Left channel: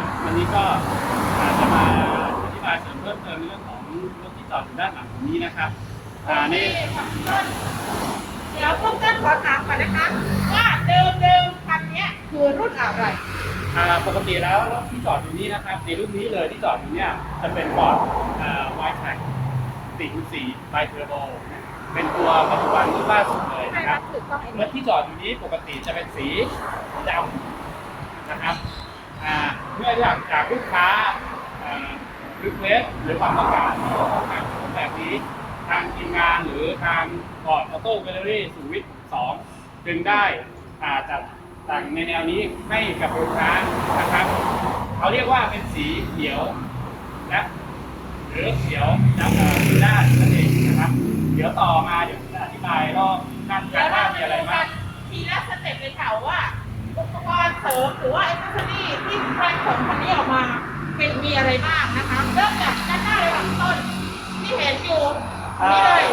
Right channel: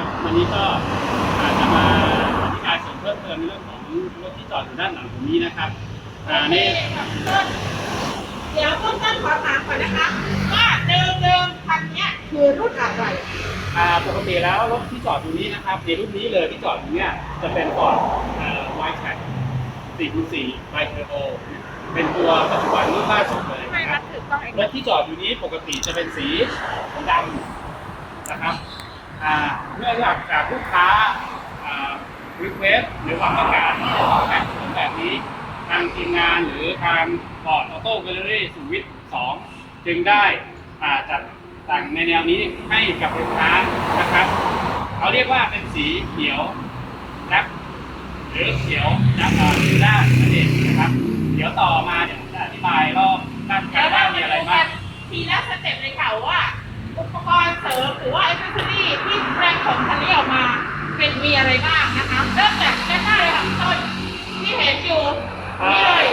นนะครับ วันนี้ก็อ่าจะมาอธิบายส่วนเพิ่มเติมในเรื่องของรถที่จอดอยู่ด้านหลังผมนี้นะครับอ่านี่เดี๋ยวต้นต้นขอถามก่อนนะคะ ว่าเดิมเดิมคันเนี้ยคือรุ่นอะไรอ่าปกติแล้วรถที่จอดอยู่นี้นะครับ ในรุ่นนี้เลยที่จอดอยู่เนี่ยจะเป็นฟอร์ดไวท์แท็ก4.4ไบเทอร์โบเป็นตัวปัจจุบันรุ่นล่าสุดเลยไม่นะครัรัดบถือกล้องเองรถที่จอดอยู่นี้ปกติจะเป็นสีดำนะครับอ่า เมื่ออยากจากลูกค้ารีเควสหรือความต้องการที่จะต้องแต่งรถแบบนี้ทางทีมงานหรือทางบอร์ดออโต้แกลเลอรี่สุวิทย์สองจึงได้อ่าจัดแต่งในแนวนี้ให้กับลูกค้านะครับเขาเรียกว่าเป็นสีเขียวและหรือเขียวดับด้านนั่นเองนะครับ เดี๋ยวต่อมาเดี๋ยวจะอธิบายรอบด้านเดี๋ยวด้าเรานมีมาอะไรดูบ้ากังนทีละสเต็ปเลยค่ะว่า มีอะไรบ้างนะคะ เริ่มจากด้านหน้าเลยค่ะพี่ต้นที่เห็นอยู่นี่เลย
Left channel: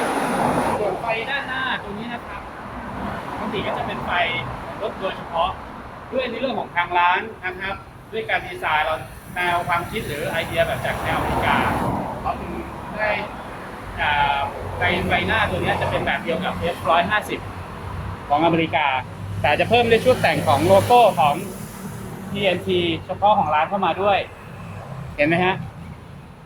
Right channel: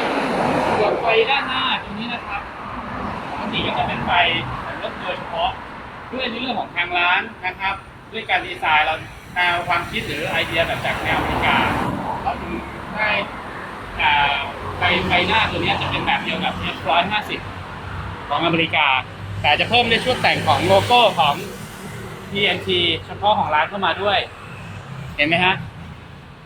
ส่วนไฟด้านหน้าตรงนี้นะครับปกติก็จะเป็นไฟรถโดยเฉพาะเพื่อในเรื่องของทางร้านนะครับ ด้วยการดีไซน์เราแนวความคิดหรือไอเดียแบบจากแนวอเมริกาเขาถึงให้อ่าไฟไฟหน้าตัวนี้จะเป็นแบบเดียวกับ F150 ของอเมริกา แต่จะเพิ่มในช่วงแต่งของโลโก้ของ TNT เฉพาะของร้านเข้ามาด้วย ห็นไหมฮะ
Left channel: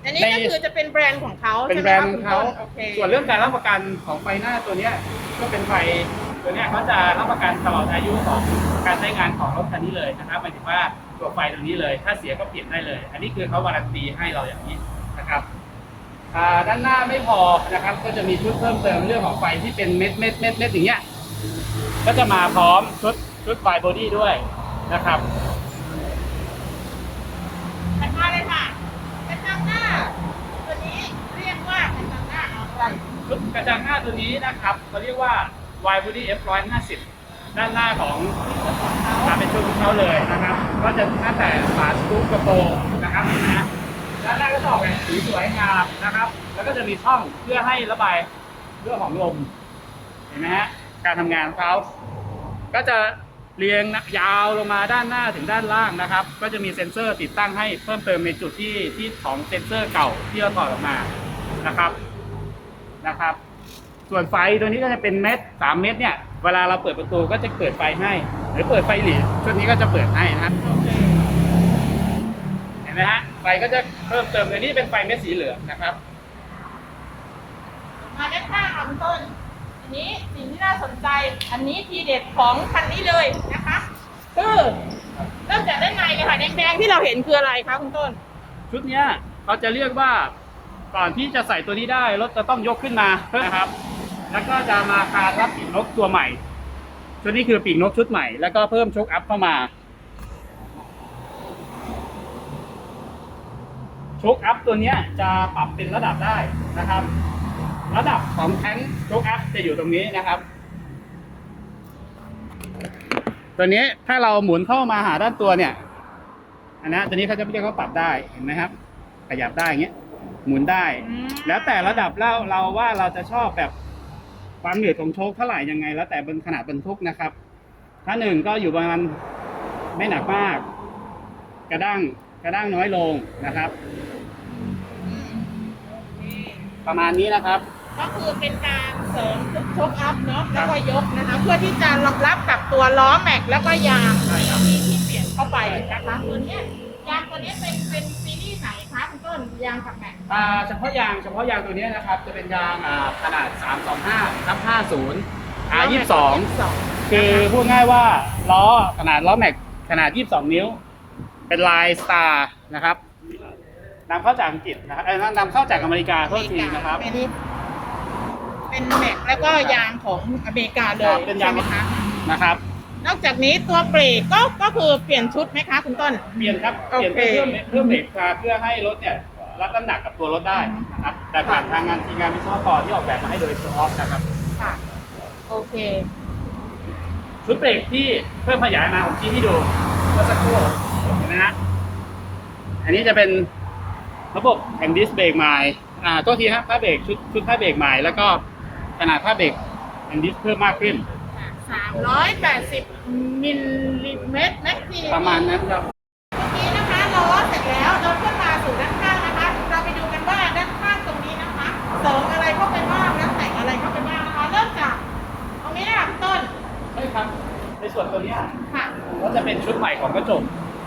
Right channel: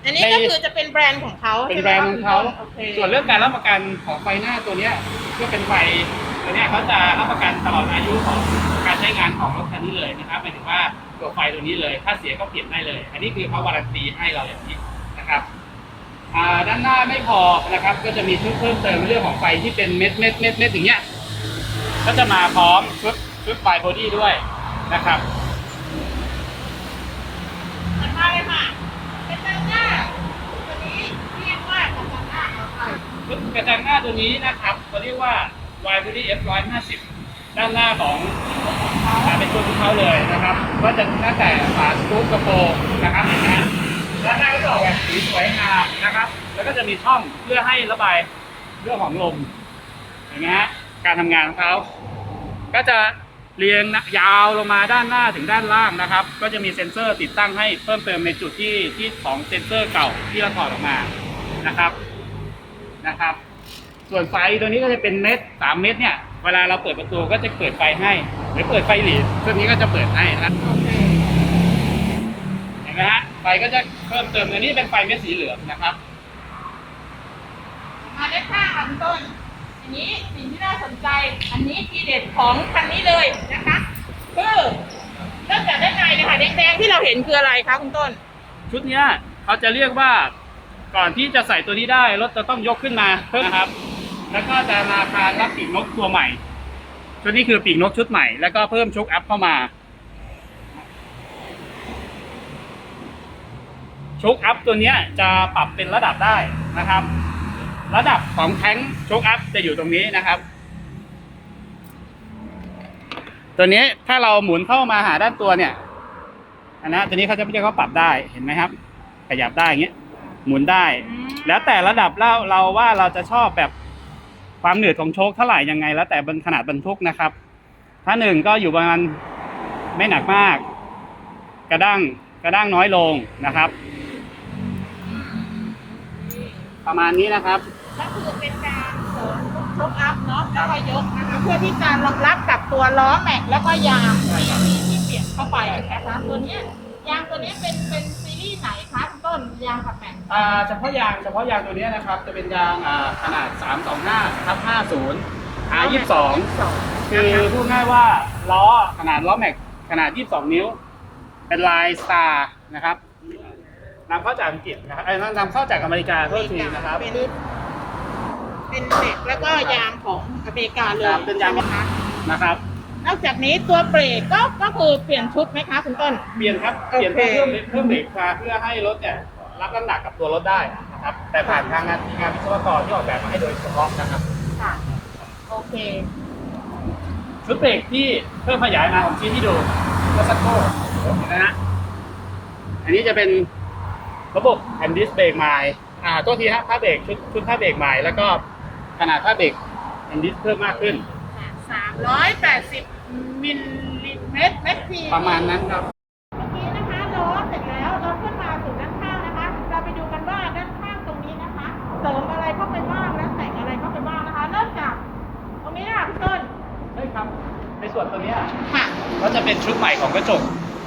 อันนี้ก็คือจะเป็นแบรนด์ของเขาเป็นใช่ไหแบมรนด์คะขอคุงณเขาต้นโอเคส่วนเรื่องการรับประกันของไฟหน้าตัวเนี้ยก็เป็นไฟตัวเนี้ยเขาจะรับประกันตลอดอายุของการใช้งานของรถคันนี้เลยนะครับหมายถึงว่าตัวไฟตัวนี้เลย ถ้าเสียก็เปลี่ยนได้เลย อันนี้คือเขาวารันตีให้เราอย่างนี้นะครับอ่าด้านหน้าไม่พอนะครับ ก็จะมีชุดเพิ่มเติมเรื่องของไฟที่เป็นเม็ดเม็ดเม็ดเม็ดอย่างเงี้ยก็จะมาพร้อมชุดชุดไฟบอดี้ด้วยนะครับ ถัดมาเลยค่ะกระจังหน้า ตัวนี้เรียกว่ากระจังหน้าอะไร ชุด กระจังหน้าตัวนี้นะครับเขาเรียกว่า Y Body F 150 ด้านหน้าของมาเป็นตัวของเขาเลยนะครับ ก็จะตั้งแต่ฝาสกรูปกระโปรงนะครับนะฮะด้านหน้าก็จะออกแบบสีสวยงามนะครับ แล้วก็จะมีช่องเพื่อให้ระบายเรื่องของลมเห็นไหมฮะการทำงานของเขาก็จะเรียงยาวลงมาด้านหน้าถึงด้านล่างนะครับ ก็จะมีเซ็นเซอร์ติดตั้งให้เพิ่มเติมในจุดที่ที่ของเซ็นเซอร์เก่าที่เราถอดออกมานะครับ นะครับ ส่วนไฟตัวนี้ก็จะเป็นเม็ดสามเม็ดเนี่ยเวลาเราเปิดประตูก็จะเปิดไฟให้หรือเปิดไฟหลีชุดนี้ก็จะเปิดให้นะโอเคเห็นไหมฮะไฟก็จะเพิ่มเติมอันนี้เป็นไฟเม็ดสีเหลืองนะครับมาด้านข้างค่ะคุณต้นอันนี้สิ่งที่น่าสนใจอันนี้ทีเด็ดของคันนี้เลยนะคะคือเริ่มจากด้านในเลยค่ะแดงๆที่เราเห็นคืออะไรคะคุณต้น ชุดเนี้ยเขาจะเรียกว่า ก่อนที่จะใส่ตัวนี้ได้รถจะต้องยกขึ้นมานะครับ แล้วก็จะมาคานรับปีกนกตัวใหม่ ชุดนี้คือปีกนกชุดใหม่ แล้วก็เพิ่มชกอัพเข้ามาชกอัพตัวนี้จะปรับเป็นระดับได้นะครับ ระดับของแท้งชกอัพจะอยู่ตรงนี้นะครับ ตัวนี้ถ้าเราหมุนเข้ามาหาด้านตัวเนี่ยอันนั้นตัวนี้เขาจะเรียกว่าปรับได้เห็นไหมครับ ขยับได้อย่างเงี้ย หมุนได้อืมแล้วแต่ระดับเราเราว่าเราจะชอบแบบความหนืดของโชคเท่าไหร่ยังไง แล้วแต่บนขนาดบรรทุกนะครับ ถ้าหนึ่งก็อยู่ประมาณไม่หนักมาก กระด้างกระด้างน้อยลงนะครับ ประมาณนี้นะครับ ก็คือเป็นการเสริมชกอัพเนาะแล้วก็ยกนะคะเพื่อที่จะรองรับกับตัวล้อแม็กแล้วก็ยางที่ที่ที่เปลี่ยนเข้าไปนะคะตัวเนี้ยยางตัวเนี้ยเป็นเป็นซีรีส์ไห นคะคุณต้นยางกับแม็กอ่าเฉพาะยางเฉพาะยางตัวนี้นะครับ จะเป็นยางอ่าขนาด 325ทับ50 R22 คือพูดง่ายว่าล้อขนาดล้อแม็กขนาด 22 นิ้ว เป็นลายสตาร์นะครับนำเข้าจากอังกฤษนะครับเอ้ยนำเข้าจากอเมริกาโทษทีนะครับ เป็นเป็นแม็กแล้วก็ยางของอเมริกาเลยเป็นยาง ใช่ไหมคะ นะครับ นอกจากนี้ตัวเบรกก็ก็คือเปลี่ยนชุดไหมคะคุณต้น เปลี่ยนครับโอเปเคลี่ยนเพิ่มเพิ่มเบรกมาเพื่อให้รถเนี่ยรับน้ำหนักกับตัวรถได้นะครับ แต่ผ่านทางงานทีมงานวิศวกรที่ออกแบบมาให้โดยเฉพาะนะครับ ค่ะ โอเค ชุดเบรกที่เพิ่มขยายมาผมชี้ให้ดูเมื่อสักครู่เห็นไหมฮะอันนี้จะเป็นระบบแอนดิสเบรกใหม่อ่าตัวทีฮะผ้าเบรกชุดชุดผ้าเบรกใหม่แล้วก็ขนาดผ้าเบรกแอนดิสเพิ่มมากขึ้นสา มร้อยแปดสิบมิลลิเมตรเมตรทีประมาณนั้นครับ เมื่อกี้นะคะล้อเสร็จแล้วเดินขึ้นมาสู่ด้านข้างนะคะ เราไปดูกันว่าด้านข้างตรงนี้นะคะ เสริมอะไรเข้าไปบ้างและแต่งอะไรเข้าไปบ้างนะคะ เริ่มจากตรงนี้นะคะพี่ต้นใช่ครับ ในส่วนตัวเนี้ยค่ะ ก็จะเป็นชุดใหม่ของกระจก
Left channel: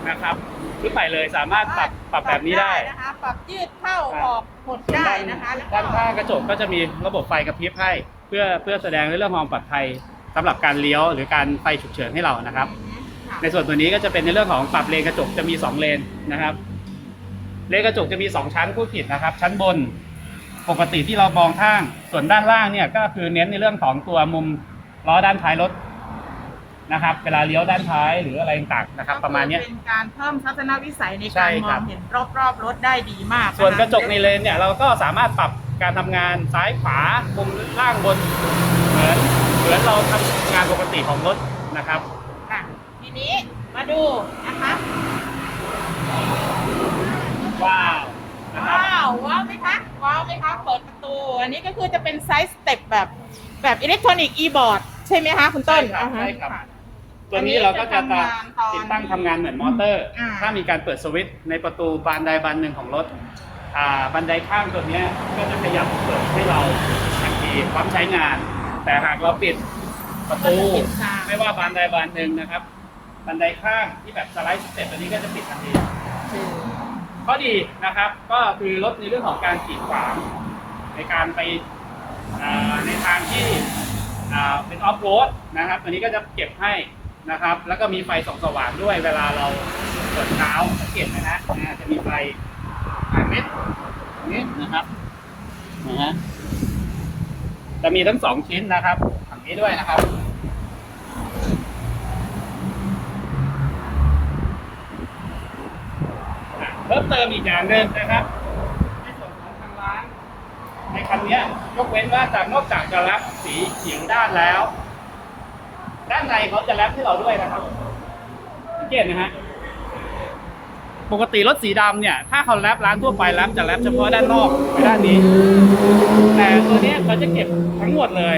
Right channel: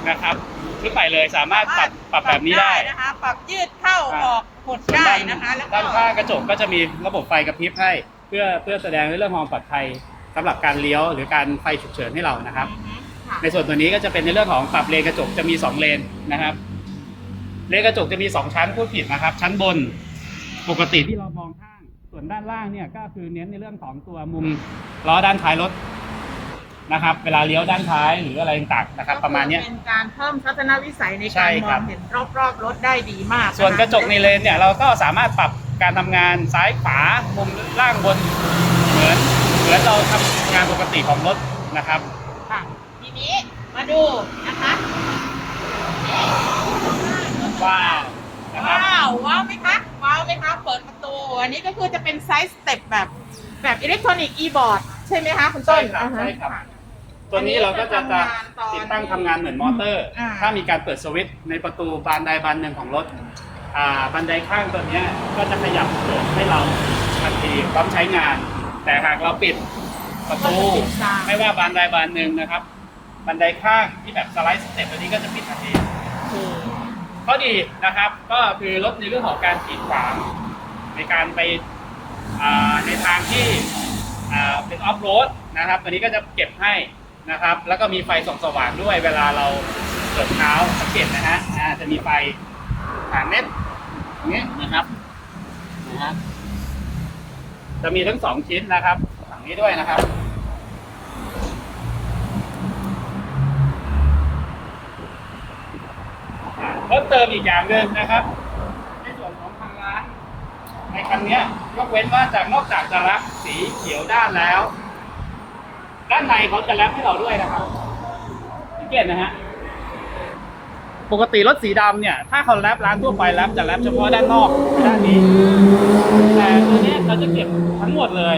นะครับ ชุดใหม่เลยสามารถปรับปรับแบบนี้ได้ นะคะ ปรับยืดเข้าออกหดได้นะคะ แล้วก็ด้านข้างกระจกก็จะมีระบบไฟกระพริบให้ เพื่อเพื่อแสดงในเรื่องความปลอดภัย สำหรับการเลี้ยวหรือการไฟฉุกเฉินให้เรานะครับอือฮึค่ะในส่วนตัวนี้ก็จะเป็นในเรื่องของปรับเลนกระจกจะมี 2 เลนนะครับ เลนกระจกจะมี 2 ชั้นผู้ผิดนะครับ ชั้นบนปกติที่เรามองข้าง ส่วนด้านล่างเนี่ยก็คือเน้นในเรื่องของตัวมุมล้อด้านท้ายรถนะครับ เวลาเลี้ยวด้านท้ายหรืออะไรต่างๆนะครับ ประมาณเนี้ย เป็นการเพิ่มทัศนวิสัยในใช่การมครัอบ งเห็นรอบๆรถได้ดีมากคส่วนกระจกในเลนเนี่ยเราก็สามารถปรับการทำงานซ้ายขวามุมล่างบนเหมือนเห มือนเราทำงานปกติของรถนะครับ ค่ะทีนี้มาดูนะคะนี่ว้าวนะครับว้าวว้าวไหมคะว้าวไหมคะเปิดประตู อันนี้ก็คือจะเป็นไซส์สเต็ปแบบแบบอิเล็กทรอนิกส์อีบอร์ดใช่ไหมคะคุณต้นใช่ครับอ่าฮะ ใช่ครับค่ะตัวนี้เราก็จะอันนี้จะทำงานตอนติดตั้งทำงานเหมือนมอเตอร์ อ่า ถ้ามีการเปิดสวิตช์ในประตูบานใดบานหนึ่งของรถอ่าบันไดข้างตัวเนี้ยก็จะขยับเปิดให้เราทันทีพร้อมใช้งาน แต่หากเราปิดประตูก็จะปิดตาม ไม่ว่าบานใดบานหนึ่งนะครับ บันไดข้างที่แบบสไลด์สเต็ปตัวนี้ก็จะปิดทันที คือ ข้อดีนะครับก็คือลดในเรื่องของการขีดขวางในการไปอ่าในทางที่อ่าเป็นออฟโรดนะครับตัวนี้ก็จะเก็บให้นะครับ แล้วก็มีไฟส่องสว่างด้วยเวลาเราเปิดเท้าสังเกตนะฮะอ่าจะมีไฟหางเม็ดอย่างนี้นะครับนะฮะ จะมีทั้งสองชิ้นนะครับฝั่งนี้ด้วยนะครับ เพิ่มเติมอีกอย่างหนึ่งนะครับ ในส่วนของทางร้าน ในคันนี้ยกเว้นว่าจะนอกจากจะรับสีเขียวด้านแล้ว ด้านในเขาจะแรปให้เราด้วยนะครับสังเกตนะฮะ ปกติรถสีดำเนี่ย ถ้าเขาแรปร้านทั่วไปแรปจะแรปเฉพาะด้านนอกด้านนี้ แต่ตัวเนี้ยเขาจะเก็บทั้งหมดเลย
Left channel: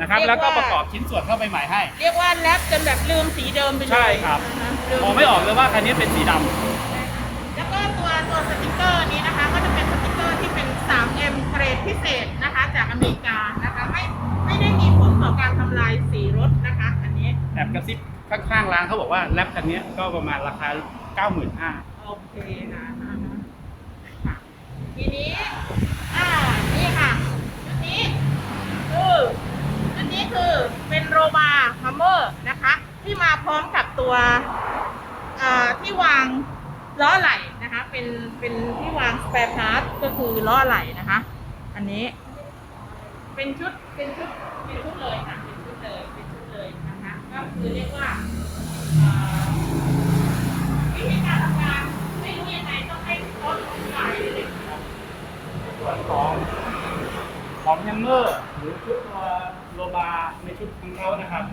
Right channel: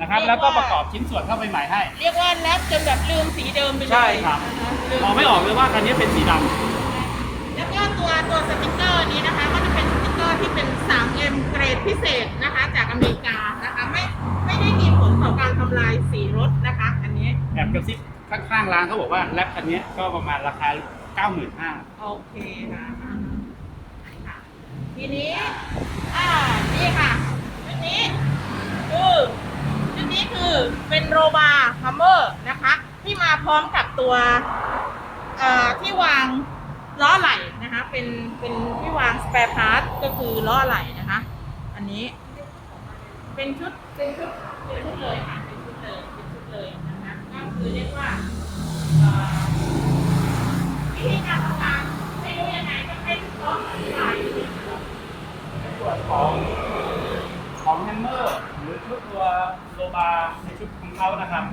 นะครับ แล้วก็ประกอบชิ้นส่วนเข้าไปใหม่ให้ เรียกว่าแรปจนแบบลืมสีเดิมไปเลยใช่ครับนะคะลืมองไม่ออกเลยว่าคันนี้เป็นสีดำแล้วก็ตัวตัวสติกเกอร์นี้นะคะ ก็จะเป็นสติกเกอร์ที่เป็น 3M เกรดพิเศษนะคะ จากอเมริกานะคะไม่ไม่ได้มีผลต่อการทำลายสีรถนะคะ อันนี้แอบกระซิบข้างๆร้านเขาบอกว่าแรปคันนี้ก็ประมาณราคา 95,000โอเคนะค่ะทีนี้ อ่า นี่ค่ะชุดนี้คือชุดนี้คือเป็นโรบาฮัมเมอร์นะคะ ที่มาพร้อมกับตัวอ่อที่วางล้อไหล่นะคะ เป็นเป็นที่วางสเปรพาร์ทก็คือล้อไหล่นะคะ อันนี้ เป็นชุดเป็นชุดเป็นชุดเลยค่ะ เป็นชุดเลยเป็นชุดเลยนะคะก็คือเรียกว่า ส่วนของของแฮมเมอร์ หรือชุดตัวโลบาในชุดของเขานะครับ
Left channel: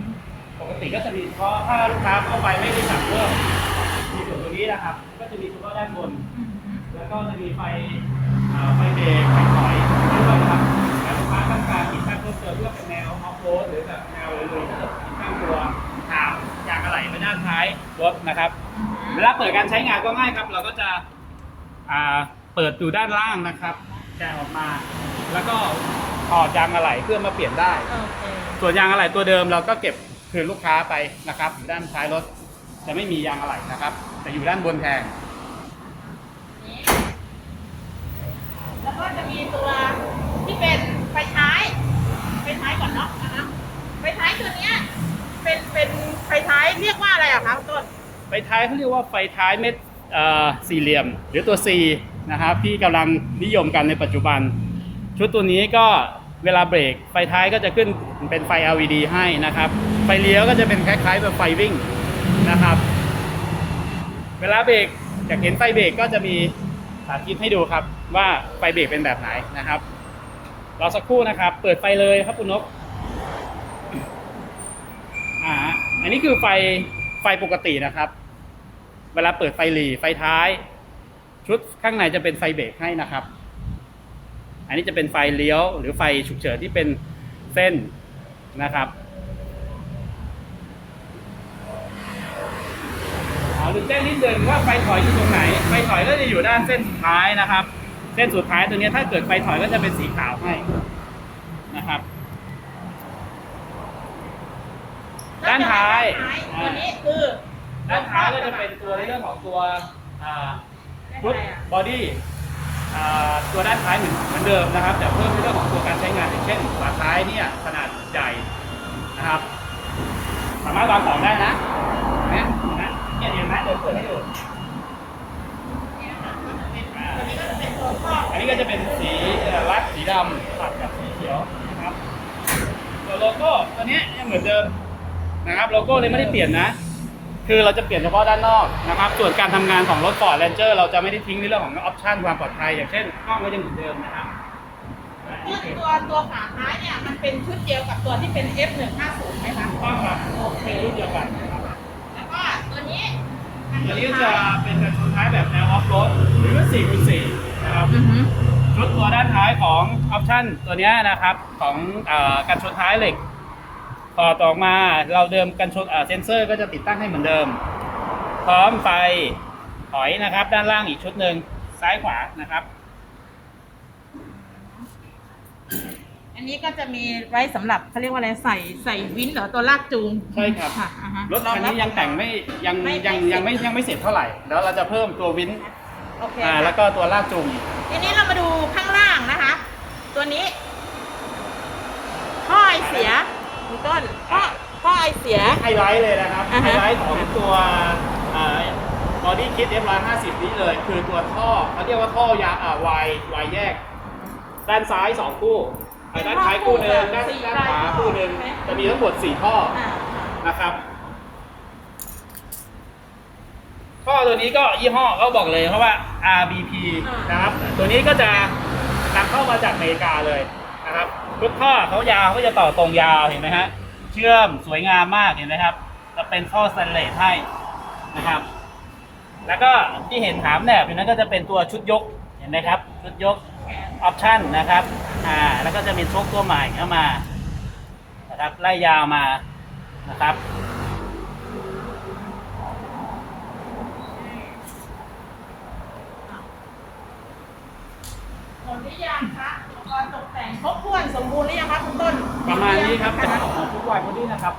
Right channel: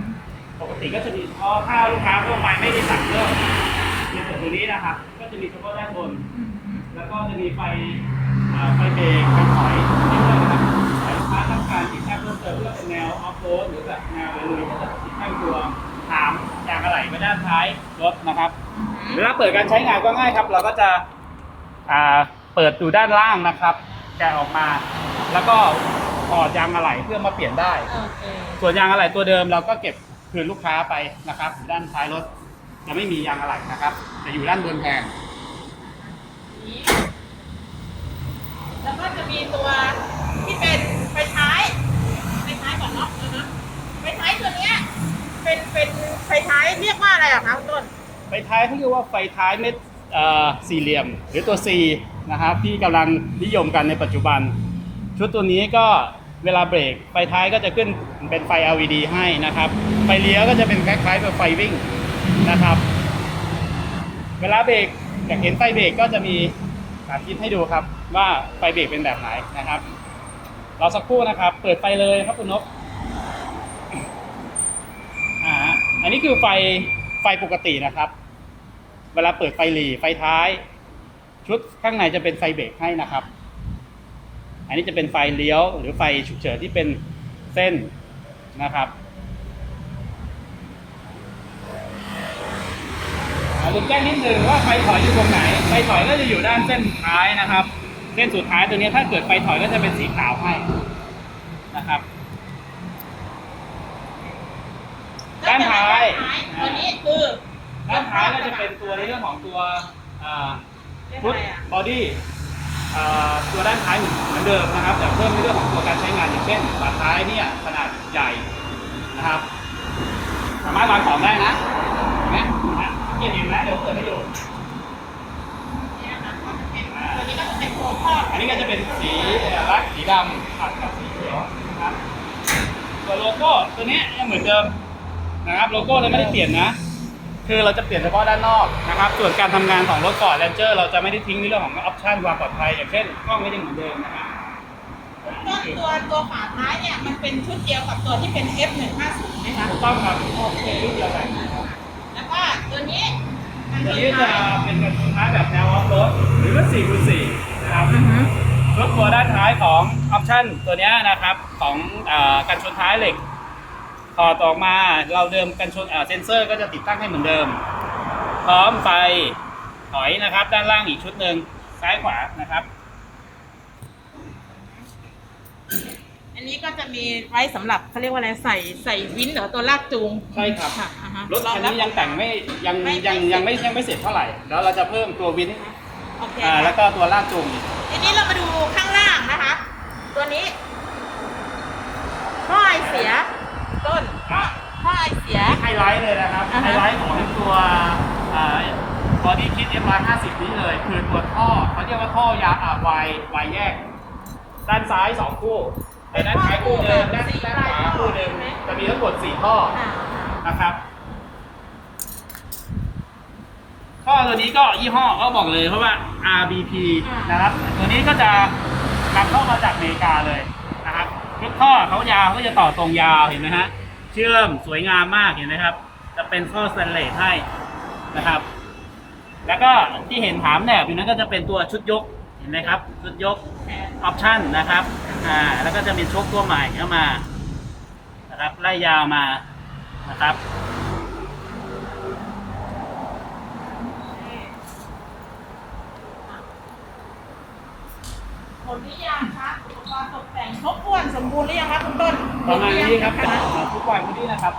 ปกติก็จะมีเฉพาะถ้าลูกค้าทั่วไปไม่ได้สั่งเพิ่มในส่วนตัวนี้นะครับ ก็จะมีเฉพาะด้านบน แล้วก็จะมีไฟไฟเบรกไฟถอยด้วยนะครับลูกค้าต้องการติดตั้งเพิ่มเติมเพื่อเป็นแนวออฟโรดหรือแบบแนวลุยก็จะติดตั้งตัวถาม ยางอะไหล่มาด้านท้ายรถนะครับเวลาเปิดการใช้งานก็ง่ายครับ เราก็จะอ่าเปิดอยู่ด้านล่างนะครับแกะออกมา แล้วก็ถอดยางอะไหล่เพื่อมาเปลี่ยนได้ โอเคส่วนยางอะไหล่ตัวเดิมเราก็เก็บคืนลูกค้าไปนะครับอยู่ด้านท้ายรถจะไม่มียางอะไหล่นะครับจะอยู่ด้านบนแทนนี้แล้วก็จะมีตัวที่เป็นไฟท้าย ไฟท้ายก่อนเนาะนะคะไฟท้ายตัวเนี้ย เป็นเป็นไฟท้ายเรียกว่าอะไรอะคะคุณต้น ไฟท้ายเขาเรียกว่าไฟท้ายเม็ดเอ่อสี่เหลี่ยม หรือตัว C นะครับที่กำลังนิยมกันในปัจจุบัน ชุดตัวนี้ก็เวลาเบรกไฟท้ายก็จะขึ้นเป็นไฟ LED ให้นะครับ ไฟเลี้ยวก็จะเป็นคล้ายๆกับไฟวิ่งนะครับ เวลาเบรกอยากเห็นไฟเบรกก็จะมีสาธิตให้ดูครับว่าไฟเบรกเป็นแบบไหนนะครับรอสักครู่นะครับ เปิดไฟเลยครับคุณนก อันนี้คือไฟไฟปกตินะครับ เวลาเปิดไฟหลีไฟท้าย ชุดข้างในจะเป็นไฟเบรกให้นะครับ อันนี้จะเป็นไฟเลี้ยว หรือไฟฉุกเฉินที่เป็นเส้นนะครับลืมแจ้งนิดนึงว่าไฟถอยอยู่ตรงไหน ไฟถอยก็จะอยู่ด้านเส้นท้ายนะครับ เส้นสุดท้ายตัวนี้ถ้าเกิดไฟถอยก็จะเป็นสีขาวให้นะครับ ด้านท้ายตัวนี้คือด้านท้ายก็จะเป็นตัวในเรื่องของตัวอ่าเรียกฟุอะตไรอะบอดี้ตัวด้านท้ายเหมือนเดิมนะครับ แต่เพิ่มในเรื่องของตัวการใช้งานอย่างเช่นฝาท้ายเนี่ยขนาดใหญ่นะครับสามารถวางของได้นะเห็นไหมนะเนี่ยเห็นไหมเดี๋ยวเปิดให้ดูตัวนี้ก็จะเป็นตัวข้ออันนี้ก็จะเป็นสีเอ่อรัดสีดำตัดกับสีเขียวนะครับตัวโลโก้ตัวเนี้ยยังเหมือนเดิม นะครับโลโก้เลยไม่ได้เปลี่ยนนะ คือเราจะเปลี่ยนเฉพาะด้านนอกนะครับ ส่วนการทำงานของรถฟอร์ดเรนเจอร์เราจะไม่ได้ทิ้งในเรื่องของออปชั่นความปลอดภัยอย่างเช่นกล้องก็ยังเหมือนเดิมนะครับตัวตัวฝาท้ายเนี่ยมันเป็นชุดเดียวกับตัวที่เป็น F150 ไหมคะถูกต้องครับเป็นรุ่นเดียวกันแล้วก็ตัวนี้ตัวนี้จะเป็นกระชนท้ายแบบแนวออฟโรดหรือว่า4คูณ4นะครับอือฮึรถตัวด้านท้ายของออปชั่นตัวเนี้ยนะครับของเออกันชนท้ายเหล็ก ต่อดออกมาเราเดิมกันชนเอ่อเซนเซอร์ก็จะติดตั้งให้เหมือนเดิม พร้อมไฟถอยนะครับ ด้านล่างอีกชุดหนึ่งซ้ายขวานะครับ อันนี้ก็จะมีไว้สำหรับเขาเรียกว่าอะไรใส่ใส่วินเหรือตัวลากจูงใช่ครับ อ่าฮะรถคันนี้ยังแต่งไม่ยังไม่ยังไม่ยังไม่ยังไม่เสร็จเท่าไหร่ แล้วเราจะเพิ่มตัววินโอเคอ่าแล้วก็ตัวลากจูงอีก ทีนี้เรามาดูข้างล่างนะคะ ตัวนี้ท่อไอเสียพี่ ต้นท่อท่อไอเสีย ไฮไลท์เลยนะครับ อ่าฮะไฮไลท์ของตัวบอดี้คิด M150 นี้เลย คือตัวท่อเขาเรียกว่าท่อยาอ่าวายวายแยก ด้านซ้ายสองคู่แต่ด้านท้ายคู่หนึ่งด้านด้านขวาคู่หนึ่งจะมีทั้งหมดสี่ท่อ อ่านะครับท่อตัวนี้ก็ยี่ห้อเขาบอกเลยเพราะว่า RBP นะครับ ตัวนี้ก็จะตัดเข้ามาจากอเมริกาเลยนะครับ ทุกข้อเขายาวเขาจะต่อตรงยาวเห็นไหมฮะเชื่อมสวยงามมากเห็นไหมครับ จะเป็นข้อสแตนเลสให้นะครับ แล้วก็ที่เห็นถามแนบอยู่นั้นก็จะเป็นตัวชุดยกเห็นไหมครับ ชุดยกออปชั่นนะครับอ่าแล้วก็จะมีชกตัวใหม่เข้ามานะครับไล่ยาวมานะครับ หมดหรือยังคะอุปกรณ์ตกแต่ง ครบถ้วนสมบูรณ์หรือยังคะคุณต้นประมาณนี้ครับหมดหจากอยังคะทุกวายบอดี้นะครับ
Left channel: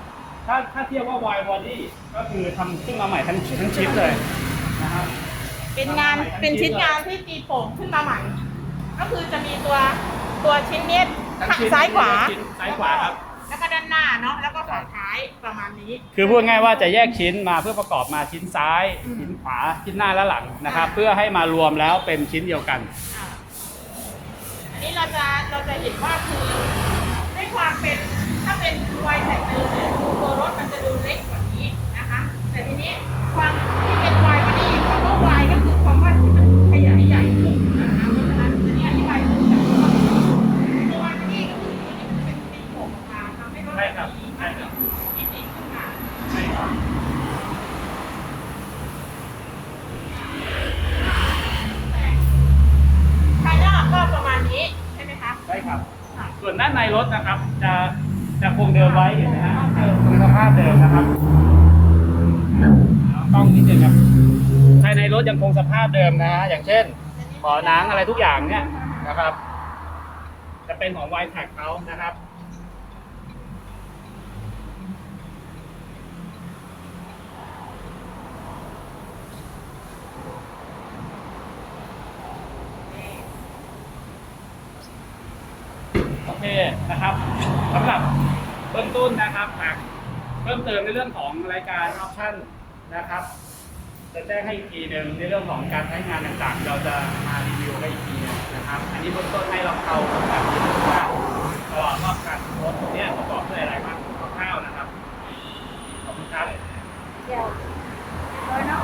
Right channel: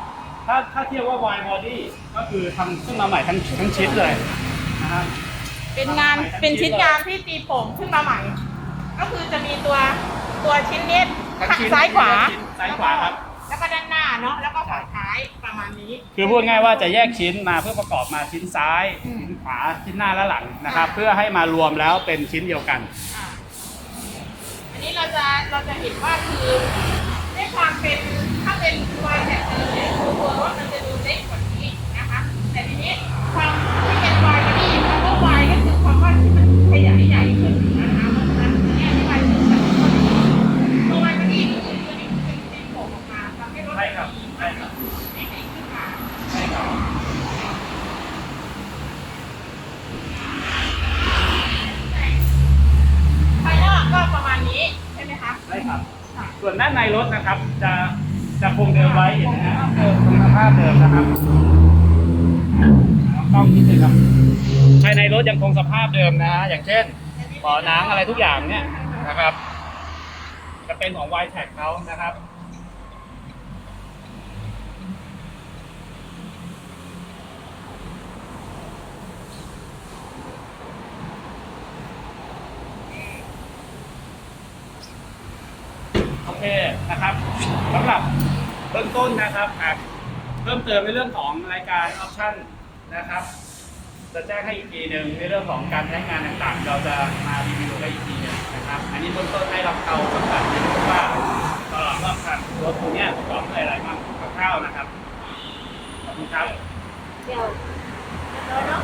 ถ้าถ้าเทียบว่าวายบอดี้ก็คือทำขึ้นมาใหม่ทั้งทั้งชิ้นเลยนะครับ เป็นงานเป็นชิ้นงานที่ตีโป่งขึ้นมาใหม่ ก็คือจะมีตัวตัวชิ้นเล็กทั้งชิ้นซ้ายขวาชิ้นซ้ายขวาครับแล้วก็ด้านหน้าเนาะแล้วก็ฝาท้ายประมาณนี้ คือพูดง่ายว่าจะแยกชิ้นมาเพื่อประกอบมาชิ้นซ้ายอืมชิ้นขวาชิ้นหน้าและหลังนะครับอ่าเพื่อให้มารวมแล้วเป็นชิ้นเดียวกันอ่าอั นี้เราจะเราจะเห็นว่าคือด้วยความเป็นถ้าเป็นวายแท็กเดิมเนี่ยคือตัวรถมันจะดูเล็กกว่านี้นะคะ แต่ทีนี้ความที่เป็นวายมานี่คำว่าวายก็คือความว่าที่มันขยายใหญ่ขึ้นนะคะเพราะฉะนั้นอันนี้อธิบายถึงแบบตัววายมานี่ก็คือตัวนี้เป็นเป็นโผล่ออกมาทำให้รถ ใช่ครับ มี ใช่ครับ มิติขึ้นมา ใช่ครับ ภายนอกก็ประมาณนี้ใช่ไหมคะ ใช่ครับ ค่ะ ส่วนด้านในรถนะครับ จะจะคงเดิมไว้เห็นไหมฮะเดิมคงสภาพเดิมนะครับเอาต้องนิดนึงครับภายในรถยังคงสภาพเดิมนะ อย่างเช่นเบาะหนังอะไรทุกอย่างเนี่ยนะครับ จะเป็นของ y t a g เขานะครับ โอเคนะครับสำหรับเบื้องต้นนะครับเพิ่มเติมในเรื่องของรายการออปชั่นนะครับ จะแจ้งให้อีกทีหนึ่งในเรื่องของการใช้งานต่างๆ เราจะมารีวิวให้อีกทีนึงนะครับ อันนี้เบื้องต้นให้เราเข้าแบบนี้ว่าตลอดรอบการรถตรงเนี้ยประกอบด้วยอะไรบ้างคร่าวๆนะครับขอบคุณครับเดี๋ยวเรียบร้อยเนาะ